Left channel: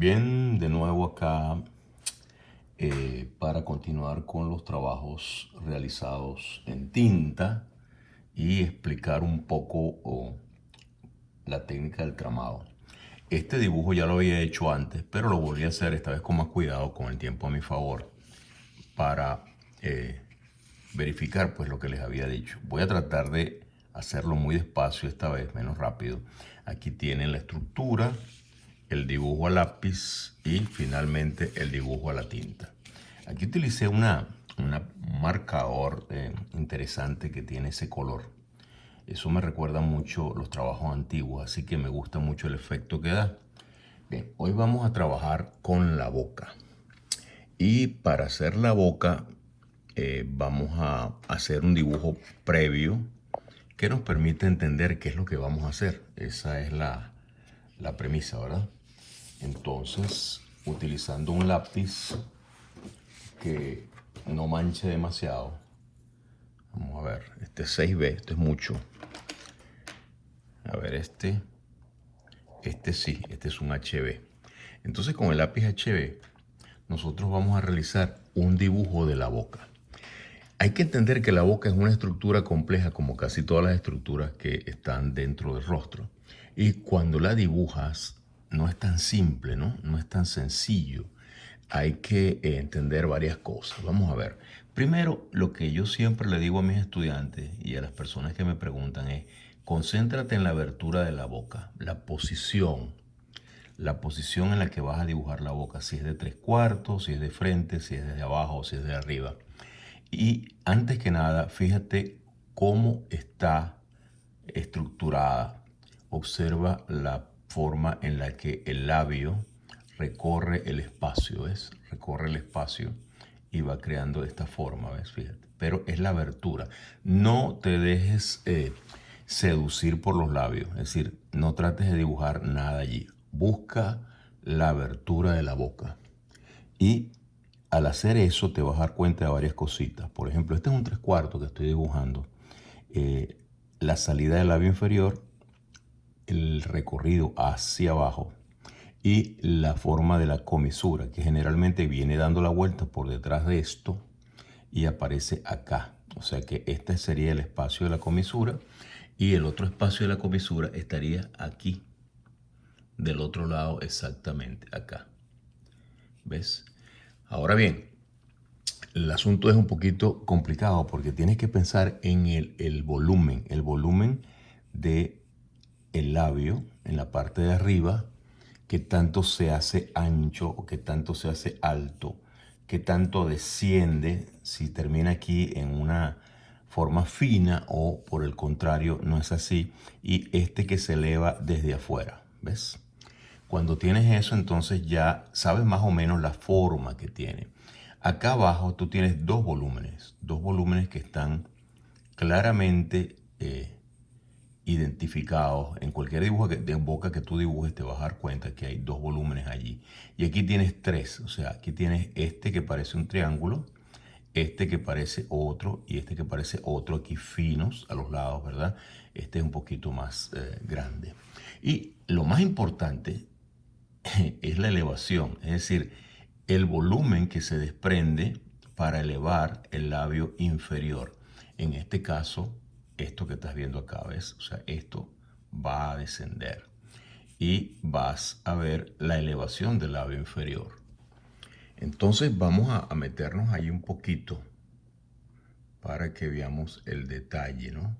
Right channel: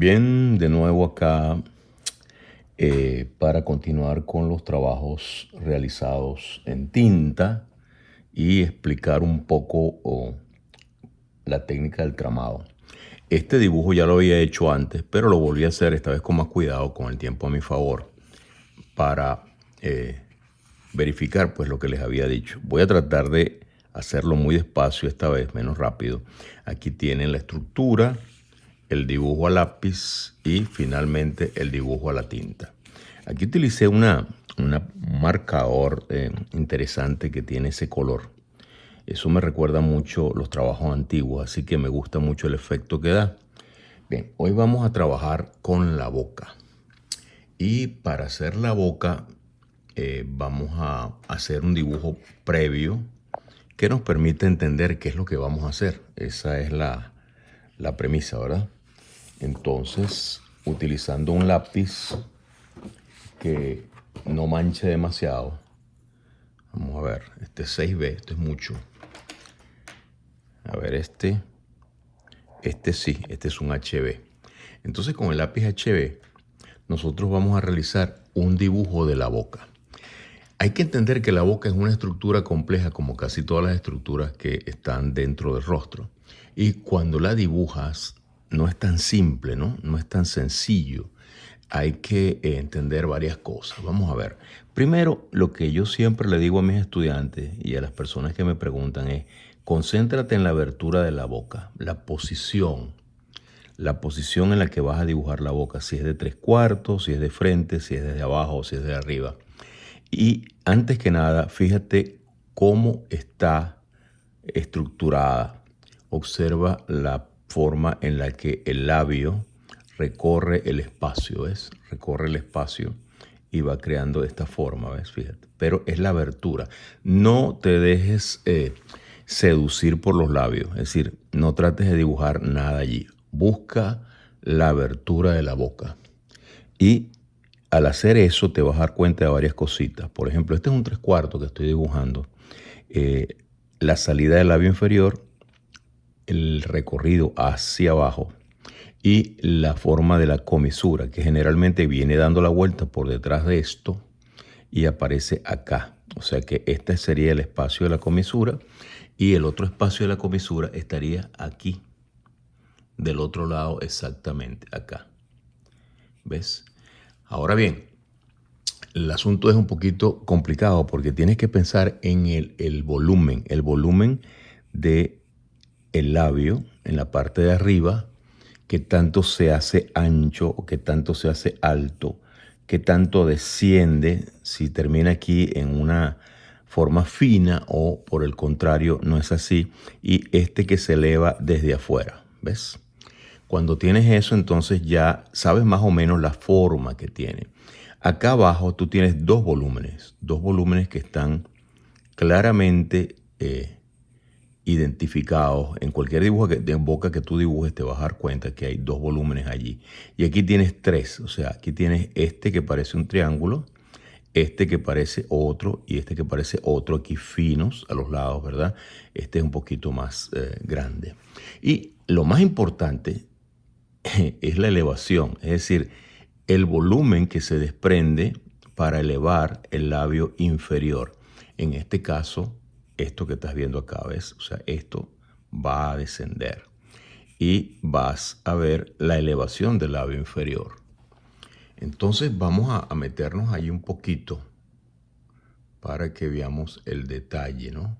Bien, de nuevo acá para continuar con los trabajos realizados en tinta y explicar un poco la técnica del tramado. Este dibujo ya lo había hecho antes, pero lo volví a hacer esta vez con más cuidado, con el tiempo a mi favor, para verificar pues lo que les había dicho. Voy a tratar de hacerlo muy despacio esta vez, menos rápido. Aquí tienen la estructura, el dibujo a lápiz y finalmente el dibujo a la tinta. Aquí utilicé un marcador interesante que tiene ese color. Eso me recuerda mucho los trabajos antiguos, así que me gusta mucho el efecto que da. Bien, hoy vamos a trabajar con la boca. Y para hacer la boca vamos a hacer un dibujo previo que nos permite entender qué es lo que vamos a hacer. Esa es la premisa, ¿verdad? Entonces, utilizando un lápiz que no manche demasiado, vamos a ver, este es 6B, esto es mucho. A ver, este sí, este es un HB. Entonces, con el lápiz HB, nosotros vamos a realizar un dibujo de la boca. Hay que entender que la boca es una estructura compleja, como casi todas las estructuras que están dentro del rostro. Y cuando la dibujas, no es tan simple, ¿no? No es tan sencillo. Hay que entender varias cosas. Vamos a ver. Primero, lo que yo siempre le digo a mis estudiantes y a las personas que me preguntan es, concéntrate en la abertura de la boca, la posición en la que vas a dibujar la boca, si es de 3/4, si es de frente, si es desde abajo o si es de arriba. Y antes que nada, fíjate cómo está estructurada. Observa la forma en la que el labio recorre el espacio, ¿ves? Recorre el espacio y va creando esta forma, ¿ves? Fíjate. Pero es la abertura. No te dejes seducir por los labios. Es decir, no trates de dibujar nada allí. Busca la abertura de la boca. Y al hacer eso te vas a dar cuenta de varias cositas. Por ejemplo, este es un 3/4 que estoy dibujando. La salida del labio inferior, el recorrido hacia abajo y la forma de la comisura, que generalmente viene dando la vuelta por detrás de esto y aparece acá. O sea que este sería el espacio de la comisura y el otro espacio de la comisura estaría aquí, del otro lado exactamente, acá. ¿Ves? Ahora bien, el asunto es un poquito complicado porque tienes que pensar en el volumen de el labio en la parte de arriba, qué tanto se hace ancho o qué tanto se hace alto, qué tanto desciende, si termina aquí en una forma fina o por el contrario no es así, y este que se eleva desde afuera, ¿ves? Cuando tienes eso, entonces ya sabes más o menos la forma que tiene. Acá abajo tú tienes dos volúmenes que están claramente identificados. En cualquier dibujo de boca que tú dibujes te vas a dar cuenta que hay dos volúmenes allí. Y aquí tienes tres, o sea, aquí tienes este que parece un triángulo, este que parece otro y este que parece otro aquí finos a los lados, ¿verdad? Este es un poquito más grande. Y lo más importante es la elevación, es decir, el volumen que se desprende para elevar el labio inferior. En este caso, esto que estás viendo acá, ¿ves? O sea, esto va a descender y vas a ver la elevación del labio inferior. Entonces vamos a meternos ahí un poquito para que veamos el detalle, ¿no?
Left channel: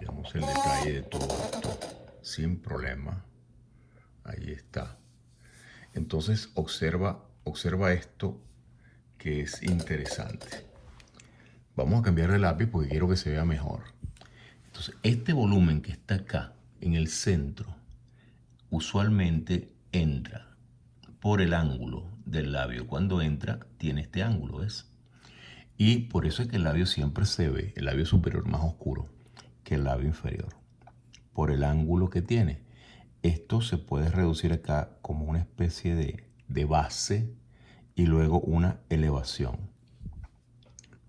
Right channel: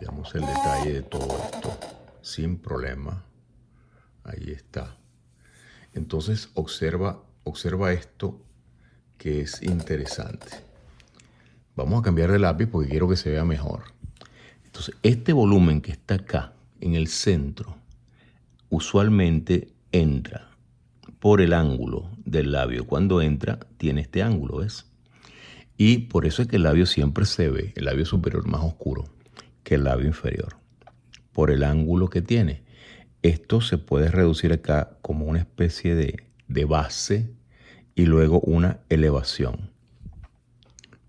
Veamos el detalle de todo esto sin problema. Ahí está. Entonces observa esto que es interesante. Vamos a cambiar de lápiz porque quiero que se vea mejor. Entonces este volumen que está acá en el centro usualmente entra por el ángulo del labio. Cuando entra tiene este ángulo, ¿ves? Y por eso es que el labio siempre se ve, el labio superior más oscuro que el labio inferior, por el ángulo que tiene. Esto se puede reducir acá como una especie de base y luego una elevación.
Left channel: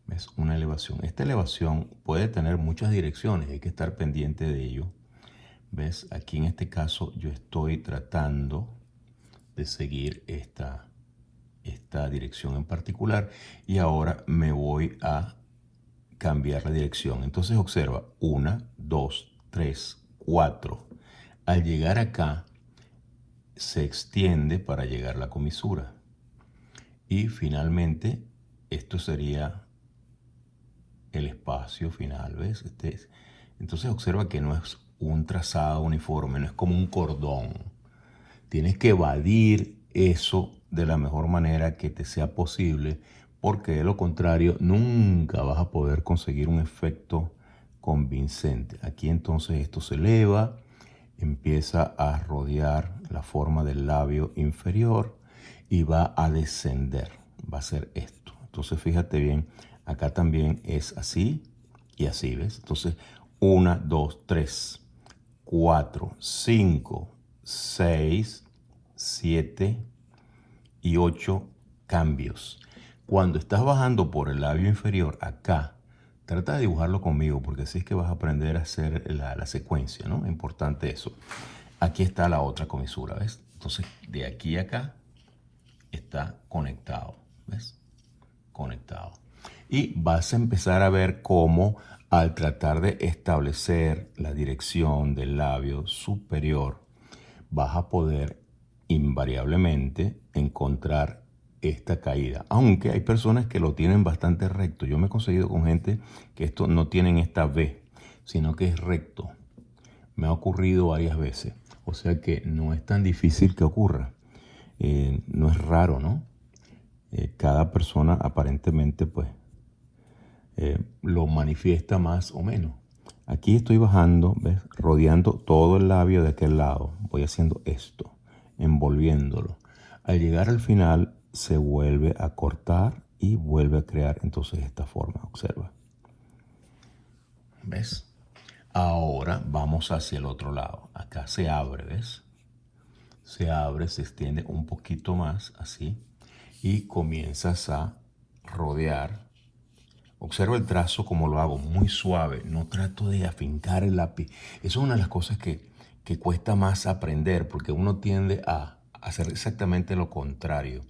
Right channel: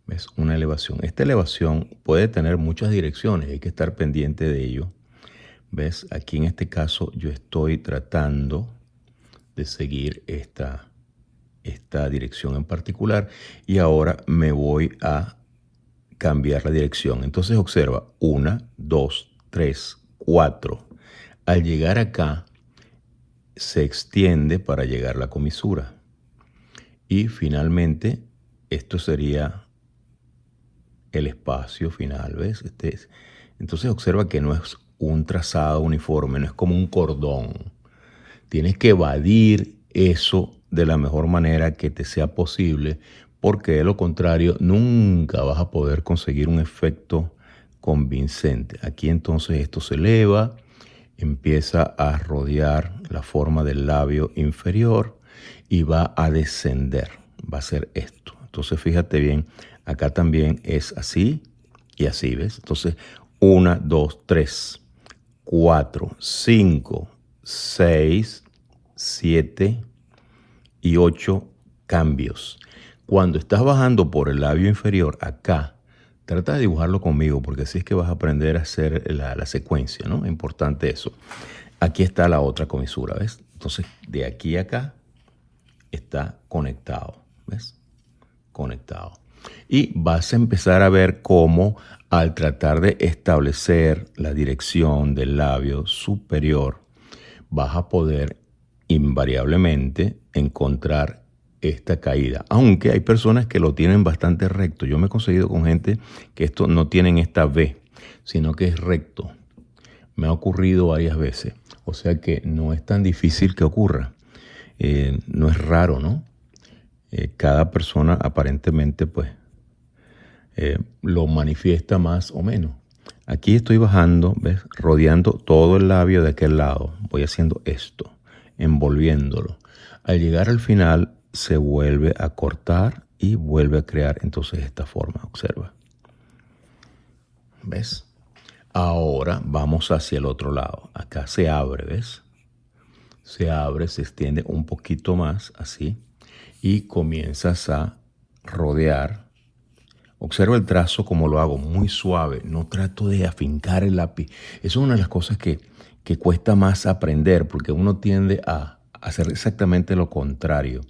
¿Ves? Una elevación. Esta elevación puede tener muchas direcciones, hay que estar pendiente de ello. ¿Ves? Aquí en este caso yo estoy tratando de seguir esta dirección en particular. Y ahora me voy a cambiar la dirección. Entonces observa, 1, 2, 3, 4. Al llegar acá, se extiende para llegar a la comisura. Y finalmente, esto sería el espacio final, ¿ves? Entonces observa que no es un trazado uniforme, no es como un cordón. Tienes que evadir eso de la mejor manera que te sea posible, porque de lo contrario nunca vas a poder conseguir un efecto convincente. Aquí entonces esto se eleva, empieza a rodear la forma del labio inferior y va a descender. Va a ser esto. Entonces fíjate bien, acá también es así y así, ¿ves? Entonces 1, 2, 3, 4, 5, 6, 7 y 8 cambios. Cuando estás bajando por el labio inferior, acá, trata de dibujarlo conmigo, porque así es que vas a aprender a hacer la secuencia, ¿no? Importante eso. Aquí está la otra comisura, ¿ves? Entonces, de aquí a acá está conectado, ¿ves? Conectado. Y vas a empezar a ver cómo al tratar de establecer la dirección del labio superior, vas a poder invariablemente encontrar esta caída. Aunque hay personas que lo tienen bastante recto. Yo me he conseguido con gente que esto no tienen esta V, sino que es recto. Me ha ocurrido varias veces. O sea que no es tan difícil que ocurra. No es raro, ¿no? Cada persona aparentemente pues lo manifiesta más o menos. Aquí estoy bajando, ¿ves? Rodeando todo el labio de aquel lado. Voy haciendo esto, envolviéndolo. Al llegar al final se vuelve a cortar y vuelve a crear entonces esta forma. Observa. ¿Ves? Ahora vamos hacia el otro lado. Acá se abre, ¿ves? Se abre, se extiende un poquito más, así. Y comienzas a rodear. Observa el trazo como lo hago, muy suave. No trato de afincar el lápiz. Eso es una de las cosas que cuesta más aprender, porque uno tiende a hacer exactamente lo contrario.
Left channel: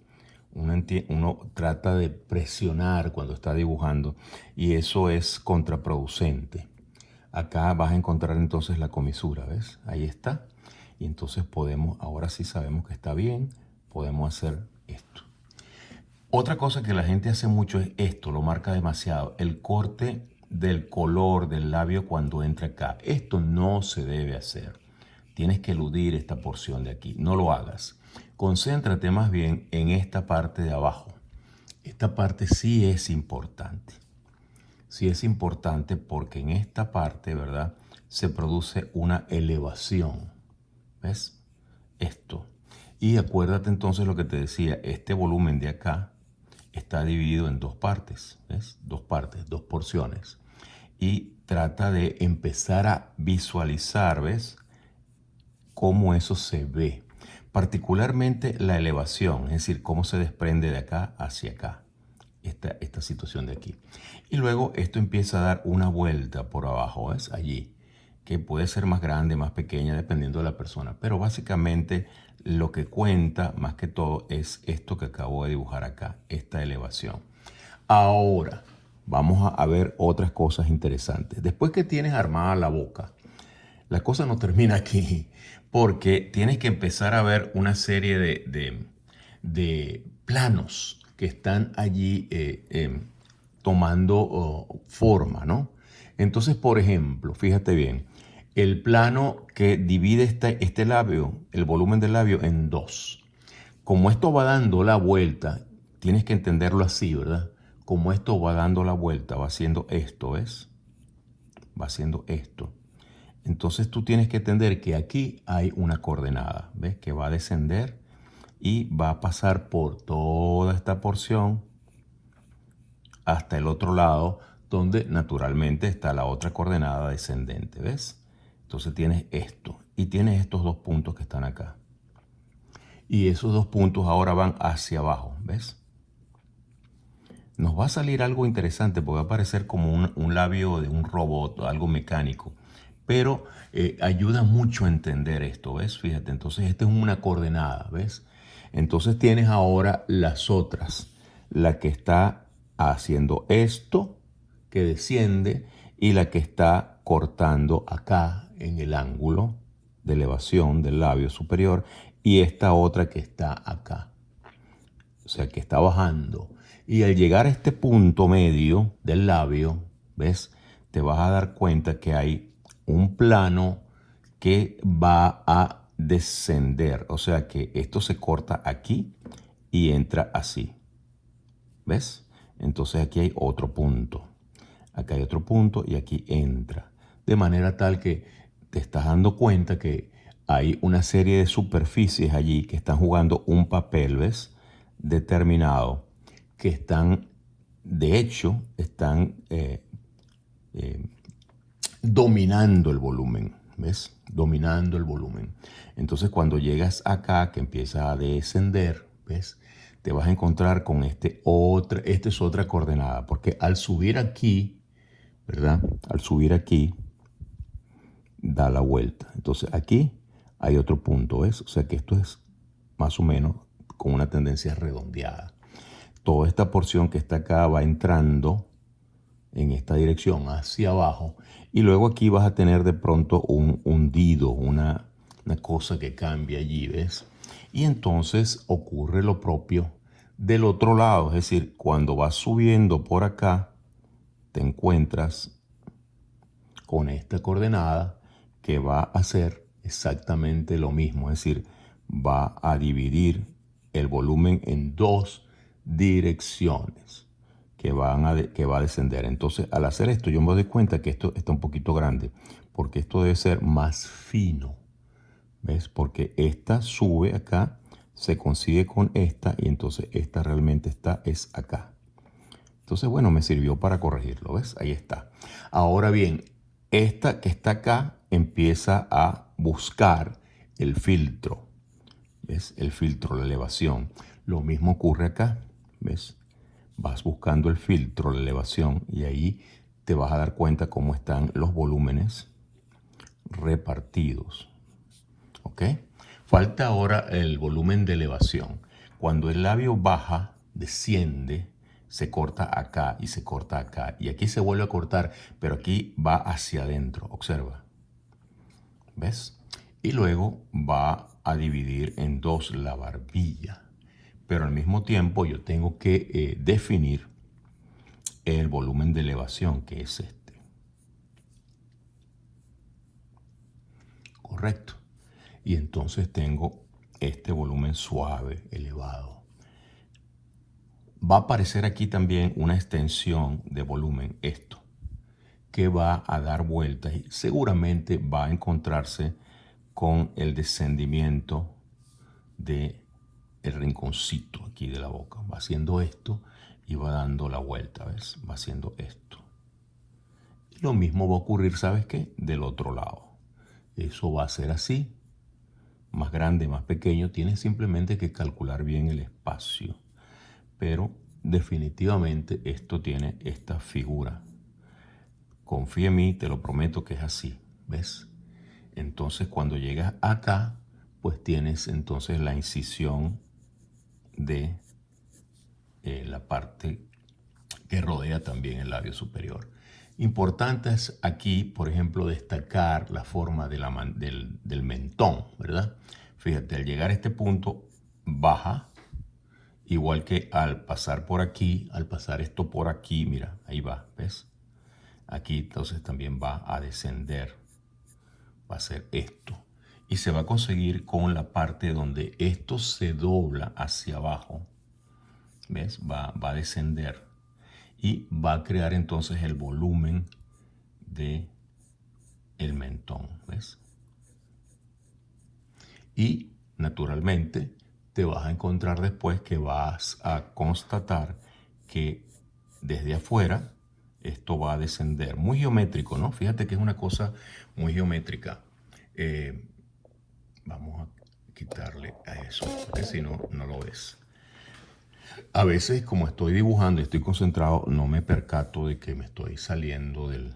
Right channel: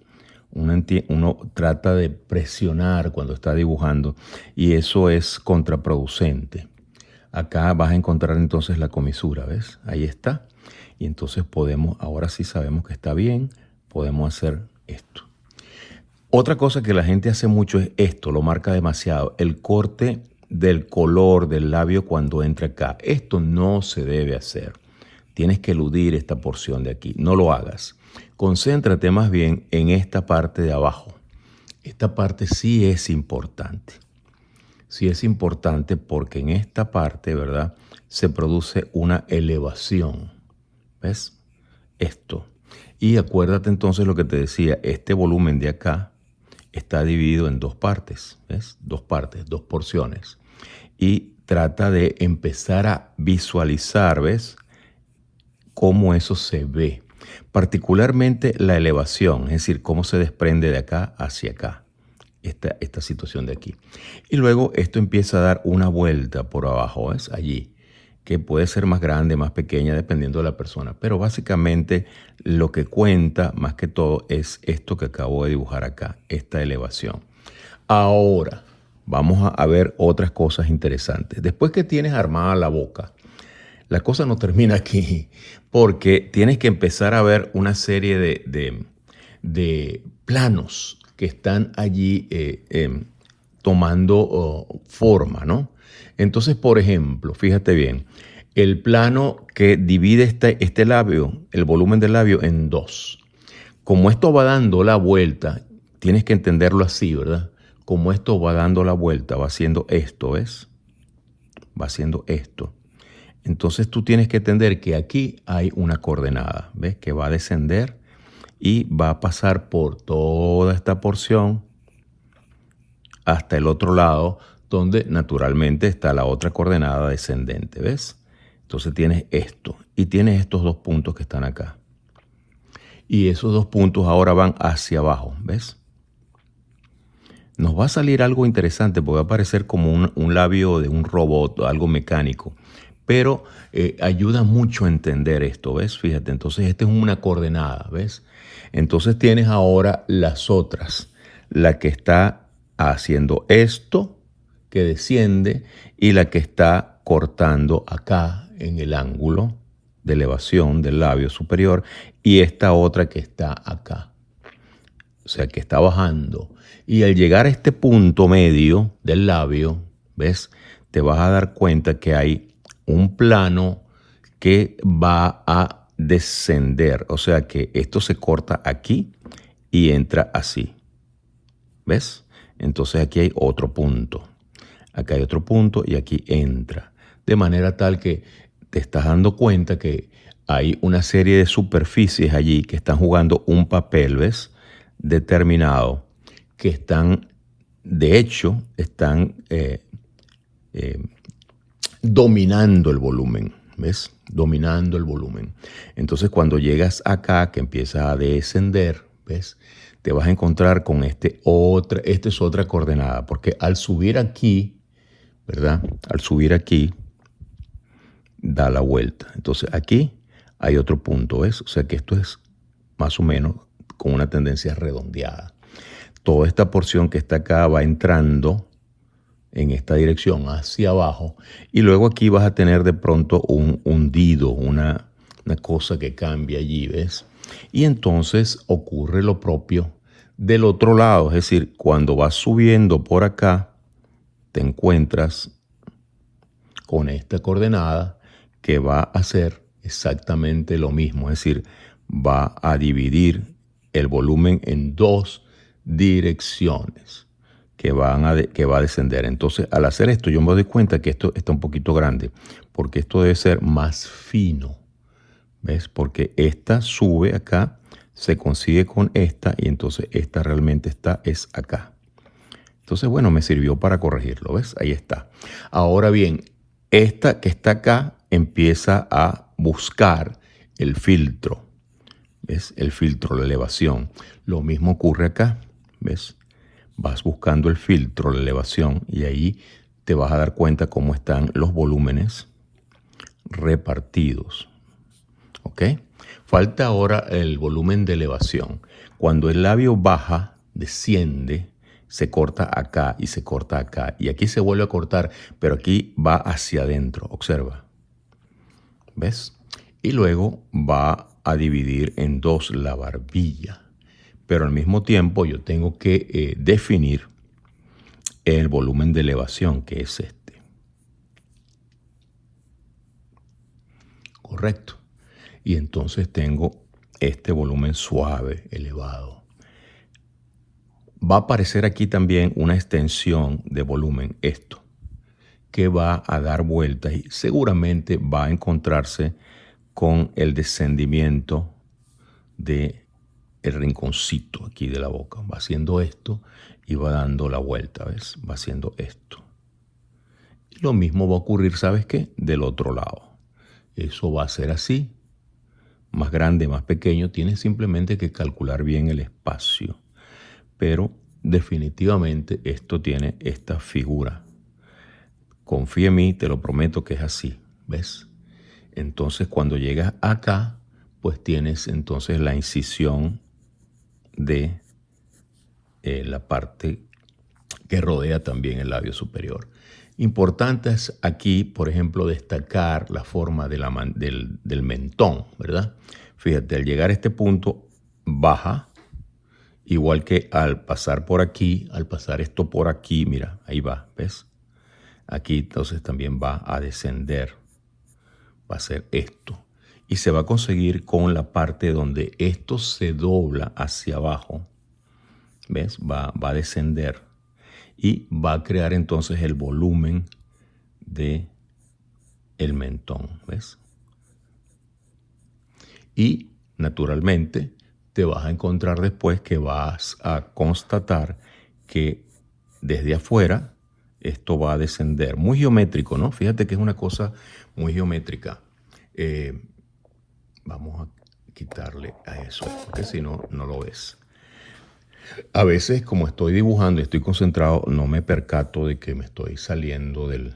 Uno trata de presionar cuando está dibujando y eso es contraproducente. Acá vas a encontrar entonces la comisura, ¿ves? Ahí está. Y entonces podemos, ahora sí sabemos que está bien, podemos hacer esto. Otra cosa que la gente hace mucho es esto, lo marca demasiado, el corte del color del labio cuando entra acá. Esto no se debe hacer. Tienes que eludir esta porción de aquí, no lo hagas. Concéntrate más bien en esta parte de abajo. Esta parte sí es importante. Sí es importante porque en esta parte, ¿verdad? Se produce una elevación. ¿Ves? Esto. Y acuérdate entonces lo que te decía, este volumen de acá está dividido en dos partes, ¿ves? Dos partes, dos porciones. Y trata de empezar a visualizar, ¿ves? Cómo eso se ve. Particularmente la elevación, es decir, cómo se desprende de acá hacia acá, esta situación de aquí. Y luego esto empieza a dar una vuelta por abajo, ¿ves? Allí, que puede ser más grande, más pequeña, dependiendo de la persona. Pero básicamente lo que cuenta más que todo es esto que acabo de dibujar acá, esta elevación. Ahora vamos a ver otras cosas interesantes. Después que tienes armada la boca, la cosa no termina aquí, porque tienes que empezar a ver una serie de planos que están allí tomando forma, ¿no? Entonces, por ejemplo, fíjate bien, el plano que divide este labio, el volumen del labio, en dos. Como esto va dando la vuelta, tienes que entenderlo así, ¿verdad? Como esto va dando la vuelta, va haciendo esto, ¿ves? Va haciendo esto. Entonces tú tienes que entender que aquí hay una coordenada, ¿ves? Que va a descender y va a pasar por toda esta porción hasta el otro lado, donde naturalmente está la otra coordenada descendente, ¿ves? Entonces tienes esto y tienes estos dos puntos que están acá. Y esos dos puntos ahora van hacia abajo, ¿ves? Nos va a salir algo interesante porque va a parecer como un labio de un robot, algo mecánico. Pero ayuda mucho a entender esto, ¿ves? Fíjate, entonces esta es una coordenada, ¿ves? Entonces tienes ahora las otras, la que está haciendo esto, que desciende, y la que está cortando acá en el ángulo de elevación del labio superior, y esta otra que está acá, o sea, que está bajando. Y al llegar a este punto medio del labio, ¿ves? Te vas a dar cuenta que hay un plano que va a descender. O sea que esto se corta aquí y entra así. ¿Ves? Entonces aquí hay otro punto. Acá hay otro punto y aquí entra. De manera tal que te estás dando cuenta que hay una serie de superficies allí que están jugando un papel, ¿ves? Determinado, que están, de hecho, están dominando el volumen, ¿ves? Dominando el volumen. Entonces cuando llegas acá, que empiezas a descender, ¿ves? Te vas a encontrar con esta es otra coordenada, porque al subir aquí, ¿verdad? Al subir aquí, da la vuelta. Entonces aquí hay otro punto, ¿ves? O sea que esto es más o menos con una tendencia redondeada. Toda esta porción que está acá va entrando en esta dirección hacia abajo y luego aquí vas a tener de pronto un hundido, una cosa que cambia allí, ¿ves? Y entonces ocurre lo propio del otro lado, es decir, cuando vas subiendo por acá, te encuentras con esta coordenada que va a hacer exactamente lo mismo, es decir, va a dividir el volumen en dos direcciones que va a descender. Entonces, al hacer esto, yo me doy cuenta que esto está un poquito grande, porque esto debe ser más fino, ¿ves? Porque esta sube acá, se consigue con esta, y entonces esta realmente es acá. Entonces, bueno, me sirvió para corregirlo, ¿ves? Ahí está. Ahora bien, esta que está acá empieza a buscar el filtro, ¿ves? El filtro, la elevación. Lo mismo ocurre acá, ¿ves? Vas buscando el filtro, la elevación, y ahí te vas a dar cuenta cómo están los volúmenes repartidos, ¿ok? Falta ahora el volumen de elevación. Cuando el labio baja, desciende, se corta acá y se corta acá. Y aquí se vuelve a cortar, pero aquí va hacia adentro. Observa. ¿Ves? Y luego va a dividir en dos la barbilla. Pero al mismo tiempo yo tengo que definir el volumen de elevación, que es este. Correcto. Y entonces tengo este volumen suave, elevado. Va a aparecer aquí también una extensión de volumen, esto, que va a dar vueltas y seguramente va a encontrarse con el descendimiento de el rinconcito aquí de la boca. Va haciendo esto y va dando la vuelta, ¿ves? Va haciendo esto. Y lo mismo va a ocurrir, ¿sabes qué? Del otro lado. Eso va a ser así, más grande, más pequeño. Tienes simplemente que calcular bien el espacio. Pero definitivamente esto tiene esta figura. Confía en mí, te lo prometo que es así, ¿ves? Entonces cuando llegas acá, pues tienes entonces la incisión de la parte que rodea también el labio superior. Importante es aquí, por ejemplo, destacar la forma de del mentón, ¿verdad? Fíjate, al llegar a este punto, baja, igual que al pasar por aquí, al pasar esto por aquí, mira, ahí va, ¿ves? Aquí entonces también va a descender, va a ser esto. Y se va a conseguir con la parte donde esto se dobla hacia abajo, ¿ves? Va a descender y va a crear entonces el volumen de el mentón, ¿ves? Y naturalmente te vas a encontrar después que vas a constatar que desde afuera esto va a descender. Muy geométrico, ¿no? Fíjate que es una cosa muy geométrica. Vamos a quitarle a eso, porque si no, no lo ves. A veces, como estoy dibujando y estoy concentrado, no me percato de que me estoy saliendo de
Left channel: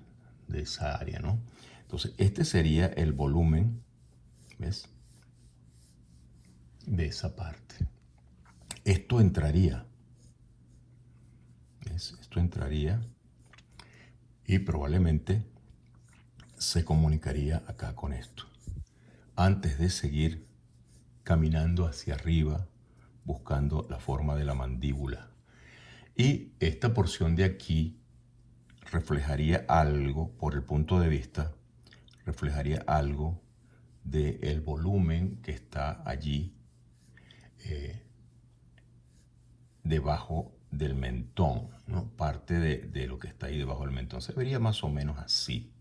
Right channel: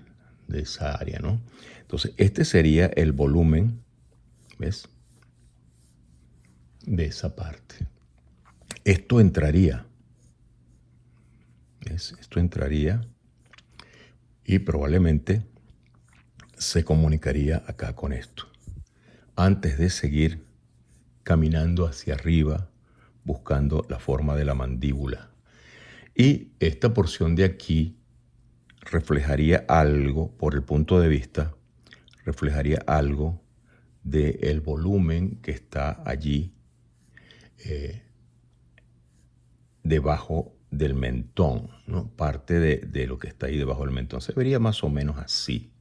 esa área, ¿no? Entonces, este sería el volumen, ¿ves? de esa parte. Esto entraría, ¿ves? Esto entraría y probablemente se comunicaría acá con esto. Antes de seguir caminando hacia arriba, buscando la forma de la mandíbula. Y esta porción de aquí reflejaría algo, por el punto de vista, reflejaría algo del volumen que está allí debajo del mentón, ¿no? Parte de lo que está ahí debajo del mentón. Se vería más o menos así.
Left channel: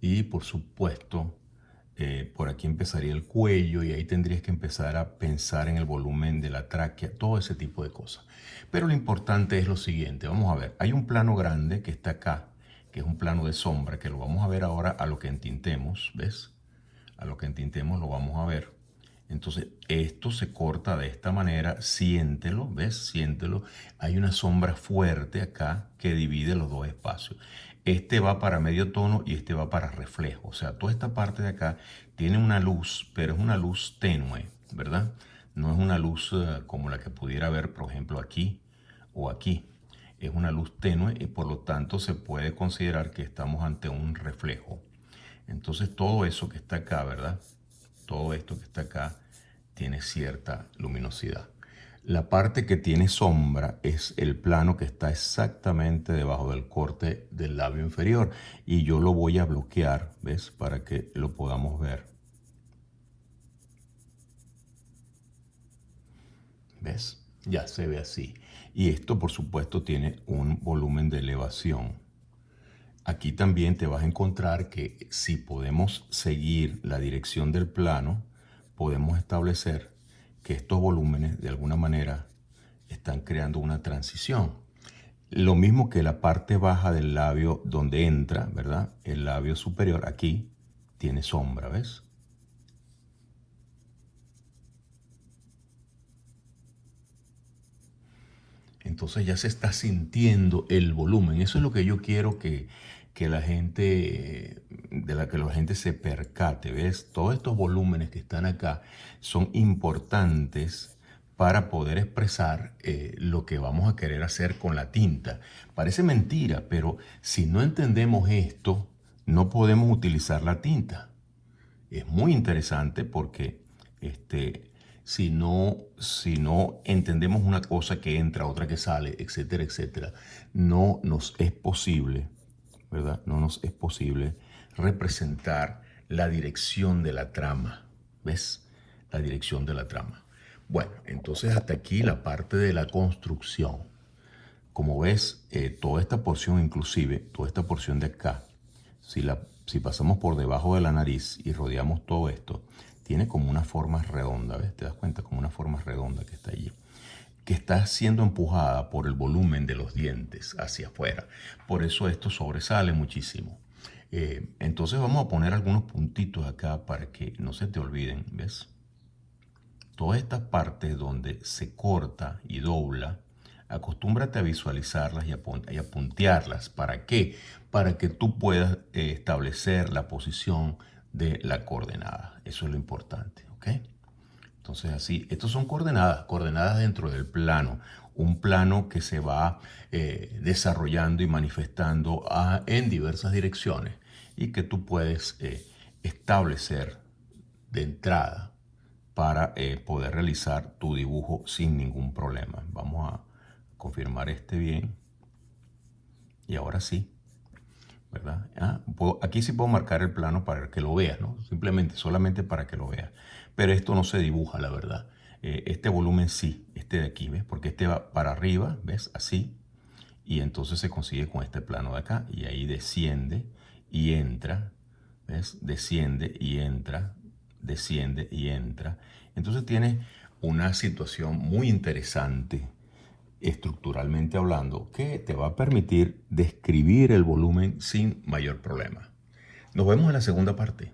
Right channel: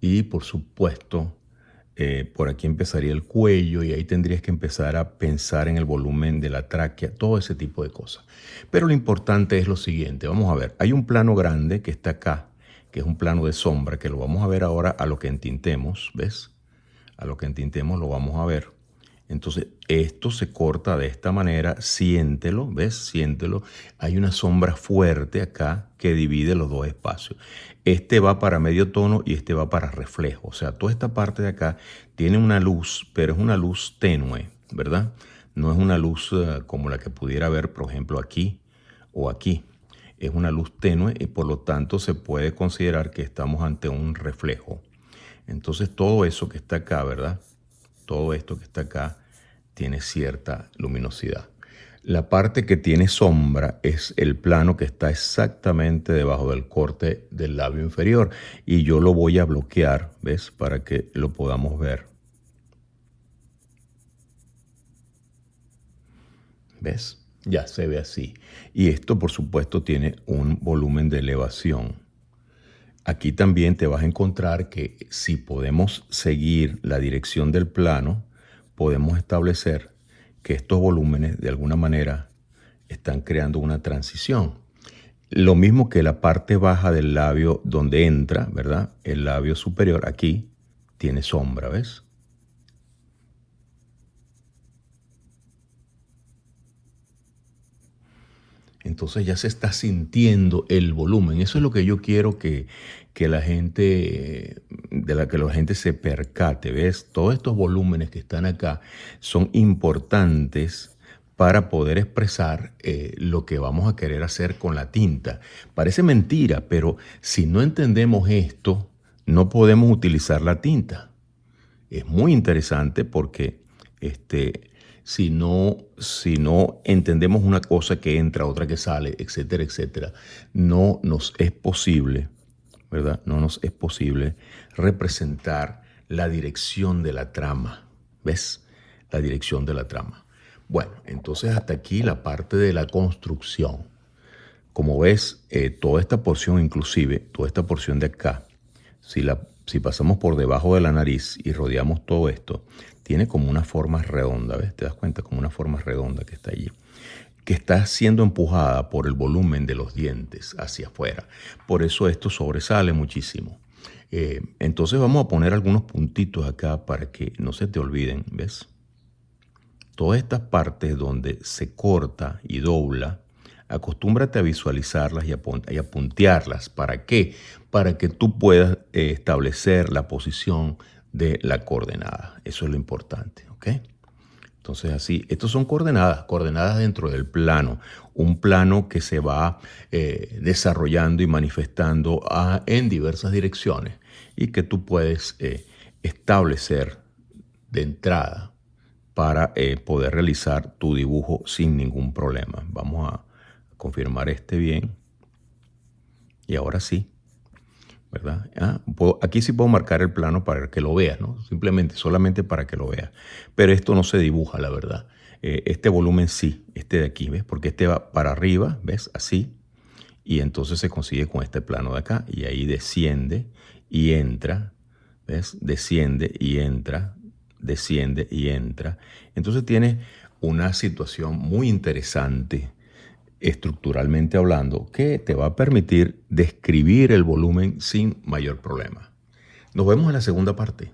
Y por supuesto, por aquí empezaría el cuello y ahí tendrías que empezar a pensar en el volumen de la tráquea, todo ese tipo de cosas. Pero lo importante es lo siguiente, vamos a ver, hay un plano grande que está acá, que es un plano de sombra, que lo vamos a ver ahora a lo que entintemos, ¿ves? A lo que entintemos lo vamos a ver. Entonces, esto se corta de esta manera, siéntelo, ¿ves? Siéntelo. Hay una sombra fuerte acá que divide los dos espacios. Este va para medio tono y este va para reflejo. O sea, toda esta parte de acá tiene una luz, pero es una luz tenue, ¿verdad? No es una luz como la que pudiera haber, por ejemplo, aquí o aquí. Es una luz tenue y por lo tanto se puede considerar que estamos ante un reflejo. Entonces, todo eso que está acá, ¿verdad? Todo esto que está acá tiene cierta luminosidad. La parte que tiene sombra es el plano que está exactamente debajo del corte del labio inferior y yo lo voy a bloquear, ¿ves? Para que lo podamos ver. ¿Ves? Ya se ve así. Y esto, por supuesto, tiene un volumen de elevación. Aquí también te vas a encontrar que si podemos seguir la dirección del plano, podemos establecer que estos volúmenes de alguna manera están creando una transición. Lo mismo que la parte baja del labio donde entra, ¿verdad? El labio superior aquí tiene sombra, ¿ves? Entonces ya se está sintiendo el volumen. Eso es lo que yo quiero que la gente, que la gente se percate, ¿ves? Todos estos volúmenes que están acá son importantes para poder expresar lo que vamos a querer hacer con la tinta. Parece mentira, pero si no entendemos esto, no podemos utilizar la tinta. Es muy interesante porque si no entendemos una cosa que entra, otra que sale, etcétera, etcétera, no nos es posible, ¿verdad? No nos es posible representar la dirección de la trama. ¿Ves? La dirección de la trama. Bueno, entonces hasta aquí la parte de la construcción. Como ves, toda esta porción, inclusive toda esta porción de acá, si pasamos por debajo de la nariz y rodeamos todo esto, tiene como una forma redonda, ¿ves? Te das cuenta, como una forma redonda que está allí, que está siendo empujada por el volumen de los dientes hacia afuera. Por eso esto sobresale muchísimo. Entonces vamos a poner algunos puntitos acá para que no se te olviden, ¿ves? Todas estas partes donde se corta y dobla, acostúmbrate a visualizarlas y a puntearlas. ¿Para qué? Para que tú puedas establecer la posición de la coordenada. Eso es lo importante, ¿ok? Entonces así, estos son coordenadas dentro del plano, un plano que se va desarrollando y manifestando en diversas direcciones y que tú puedes establecer de entrada para poder realizar tu dibujo sin ningún problema. Vamos a confirmar este bien. Y ahora sí, ¿verdad? Aquí sí puedo marcar el plano para que lo veas, ¿no? Solamente para que lo veas. Pero esto no se dibuja, la verdad. Este volumen sí, este de aquí, ¿ves? Porque este va para arriba, ¿ves? Así. Y entonces se consigue con este plano de acá. Y ahí desciende y entra, ¿ves? Desciende y entra, desciende y entra. Entonces tiene una situación muy interesante, estructuralmente hablando, que te va a permitir describir el volumen sin mayor problema. Nos vemos en la segunda parte.